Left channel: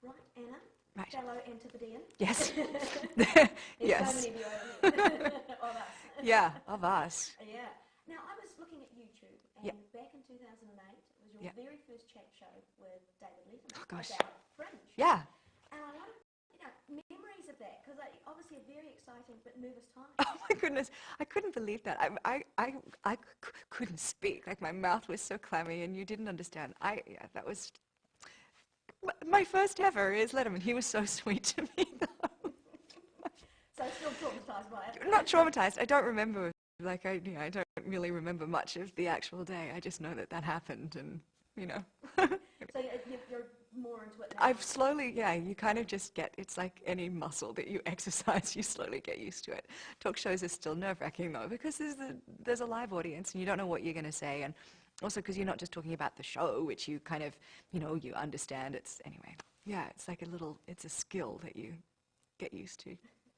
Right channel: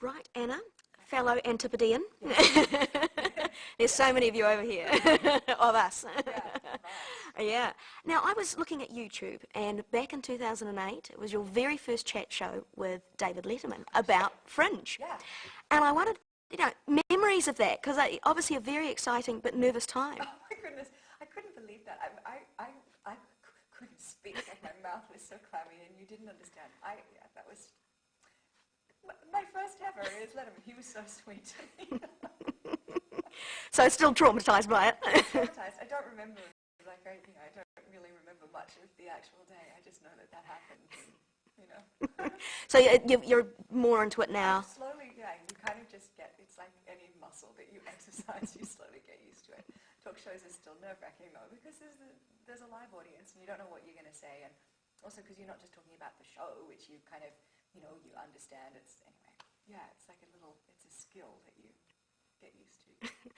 Right, Anna, Right. fellow Antipodean. Yes. There's Yes. so many of you over here, of us. Yeah, of us. Yeah. Now, I was looking at YouTube, and back in 2008, it was your very first chat show with David Letterman about Fringe. Yeah. And I wanted, memories of that, because obviously a very exciting but nervous time. Oh my goodness, I couldn't believe that. I couldn't speak. Like my mouth was so clammy, and you didn't understand. That was my first ever is Letterman. He was so sweet to me. So still traumatized by it. Not traumatized. I don't remember. Like I don't really remember much of the actual day. I just know that happened, and So you're more into it now. I've slowly, you kind of just get, it's like any muscle that you exercise, you slowly get used to it. Talk shows are still nerve-wracking though, because there's a live audience and you don't know what you're going to say, and also because you're not just talking about the show, which you kind of, you understand. It's like it's a skill that you get used to.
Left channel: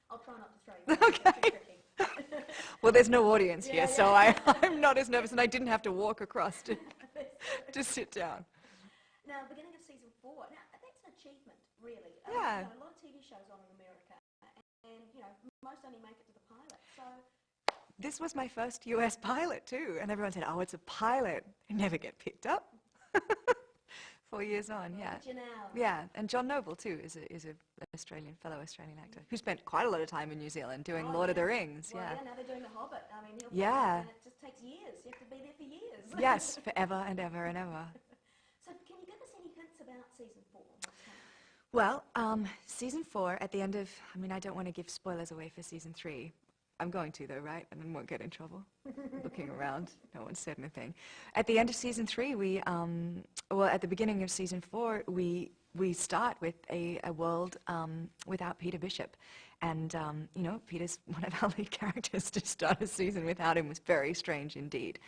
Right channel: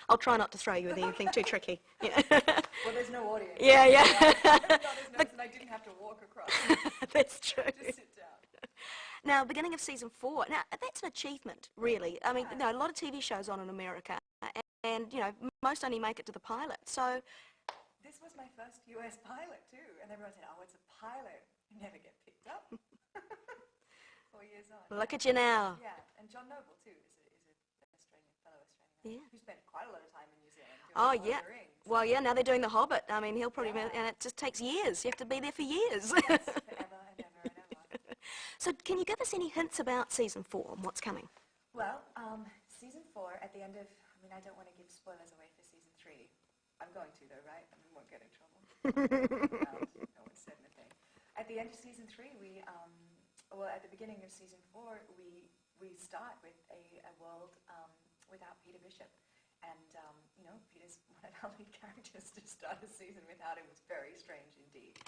I'll try not to throw you with anything too tricky. Well, there's no audience Yeah, here, yeah. so I'm not as nervous, and I didn't have to walk across That's true. to sit down. Now, beginning of season 4. Now, that's an achievement, really. I mean, a lot of TV shows on in America, and most only make it to the pilot. So this was my first US pilot too, and everyone said, "Oh, it's a pilot." I never get picked up. 4 years on. Look at you now. Yeah, and John Noble too is an fellow Australian actor who spent quite a lot of time in New Zealand doing Lord of the Rings. Well, now they're doing The Hobbit. I mean, he'll probably, and it just takes years. You have to be there for years. Yes, forever and ever and ever. So can you give us any hints about season 4 and what's coming? Well, season 4 at the end of, I don't want to give spoilers away for season 3. I'm going to though, right? And then won't get in trouble. Looking around, no one said anything. At the end of season 3, at the beginning of season 4, we start with a world without Peter Bishop. And, Peter's one of our lead characters. To start a season without him was very strange indeed.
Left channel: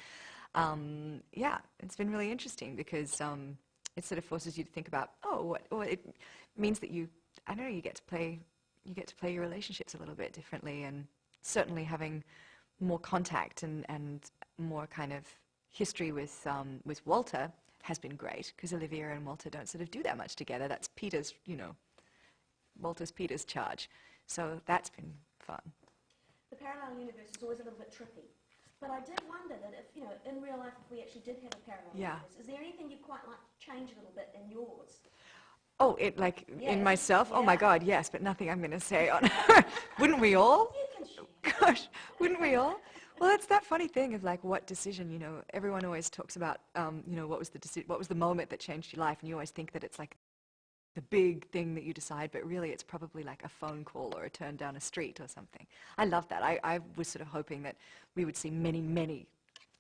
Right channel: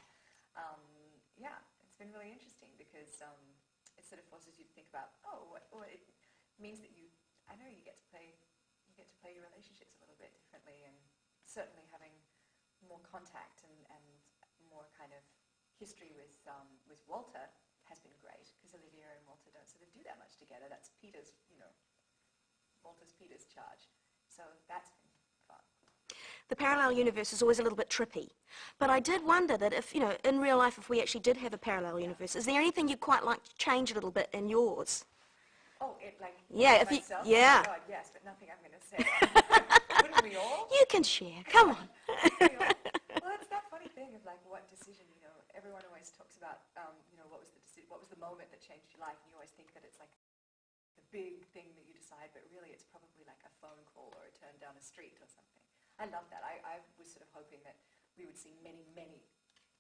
It's been really interesting because it sort of forces you to think about, it means that you get to play your relationships a little bit differently, and certainly having more contact and more kind of history with Walter has been great, because Olivia and Walter don't sort of do that much together. That's Peter's, Walter's Peter's charge. So that's been fun. The parallel universe is always a little bit trippy. But I did wonder that if, in real life, if we actually did have a parallel universe, is there anything you'd quite like to change a little bit in yours? Oh, in myself? Oh my God, yes, but nothing I'm going to say. Wouldn't we all? You can share. Gosh, wouldn't we all? Well, it's that funny thing of like what decision, everyone always talks about, what was the moment that changed your life, and you always think that it's like the big thing that you decide, but really it's probably like a phone call or a turn down a street or something. I love that. I was sort of hoping that we would see many, many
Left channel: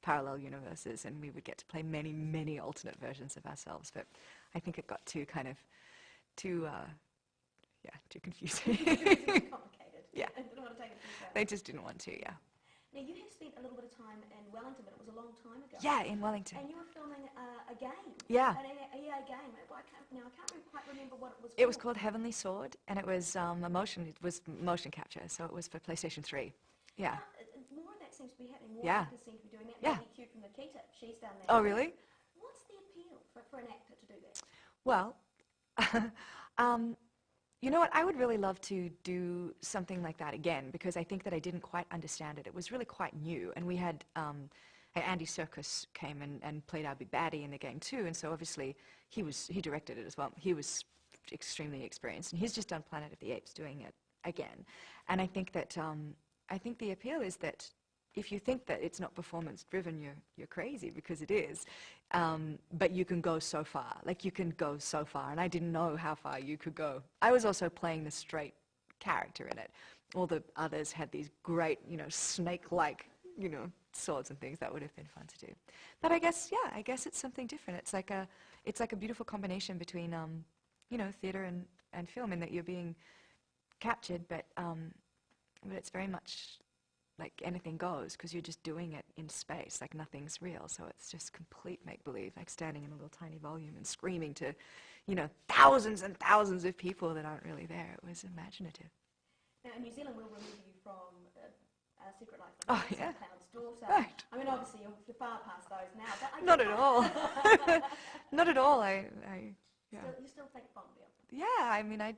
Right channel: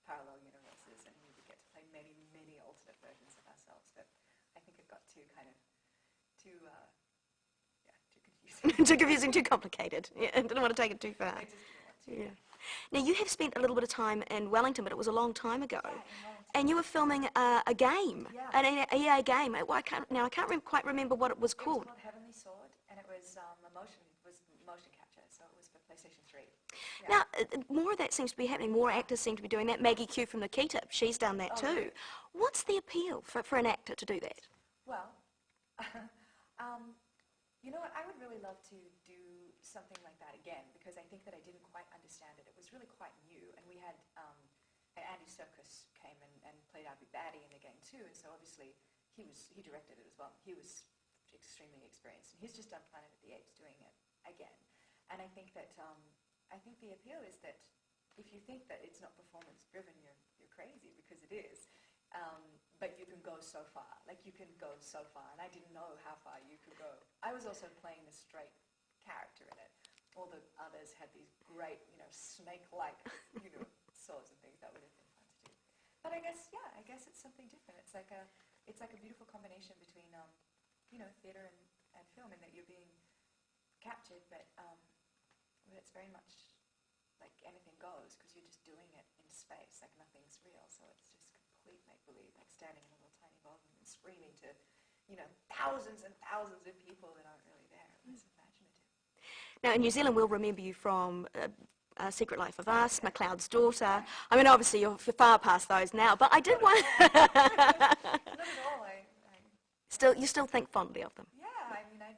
parallel universes, and we would get to play many, many alternate versions of ourselves, but I think it got too confusing. Too confusing, too complicated. Yeah, didn't want to take it too far. They just didn't want to, Now, you have spent a little bit of time in Wellington, but it was a long time ago. Yeah, in Wellington. And you were filming a game. Yeah. An EA game. I can't quite remember what it was called. It was called Heavenly Sword, and it was motion capture, so it was for PlayStation 3. Yeah. Now, more of that seems to be happening. More actors seem to be doing that. Maggie Q from Nikita, she's done that too. Really? What's the appeal for an actor to do that? Well, you know what? I would really love to do something like that again, because I think that I didn't quite understand it. It was really quite new, and we had Andy Serkis came and played our big baddie in the game too, and so obviously he directed it as well. He was extremely experienced, and he's just done Planet of the Apes doing it again. And I think that the appeal is that if you think that it's not performance driven, you're crazy, because it is. But you can go so far. Like, you can go so far, and I didn't know how far you could go. I was also playing the straight character in it. All the others had these great, snake-like, swords and things. That would have been fun to do. But I guess it's something different. It's like a beautiful combination between, theater and film, in that you're being captured, but it's very much like anything goes, because you're just doing it in space, like nothing's real. So it's just complete make-believe, like standing in a little tiny volume and screaming to, thousands and thousands of people that aren't really there. It was imaginative. Now, in New Zealand, we'll remember you from Secret Life of Us, McLeod's Daughter. I mean, obviously, you're far past those now, but I did Not at all. Not at all. You still think fondly of them? Yeah, I mean, I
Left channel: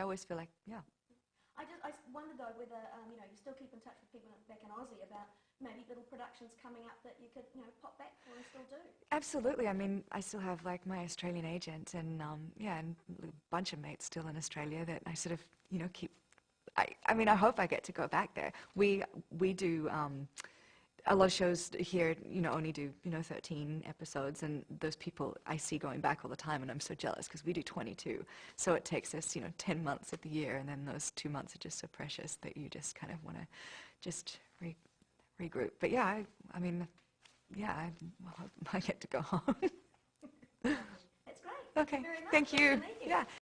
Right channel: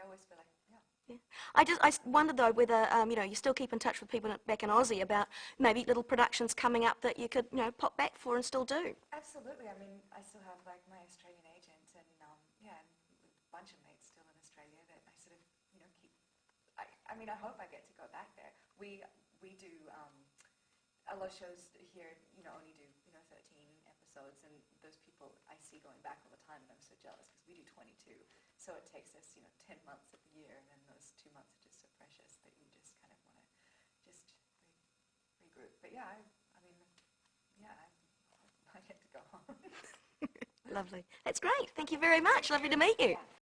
always feel like, yeah. Yeah. I wonder though whether you still keep in touch with people back in Aussie about maybe little productions coming up that you could pop back for and still do. Absolutely. I mean, I still have like my Australian agent and yeah, and a bunch of mates still in Australia that I sort of keep. I mean, I hope I get to go back there. We do. A lot of shows here, only do, 13 episodes, and those people I see going back all the time, and I'm so jealous because we do 22. So it takes us, 10 months of the year, and then those 2 months are just so precious that you just kind of want to just regroup. But yeah, I mean, yeah, I hope I get to go home. Lovely. That's great. Thank you very much. Thank Lovely you. to meet you. Yeah.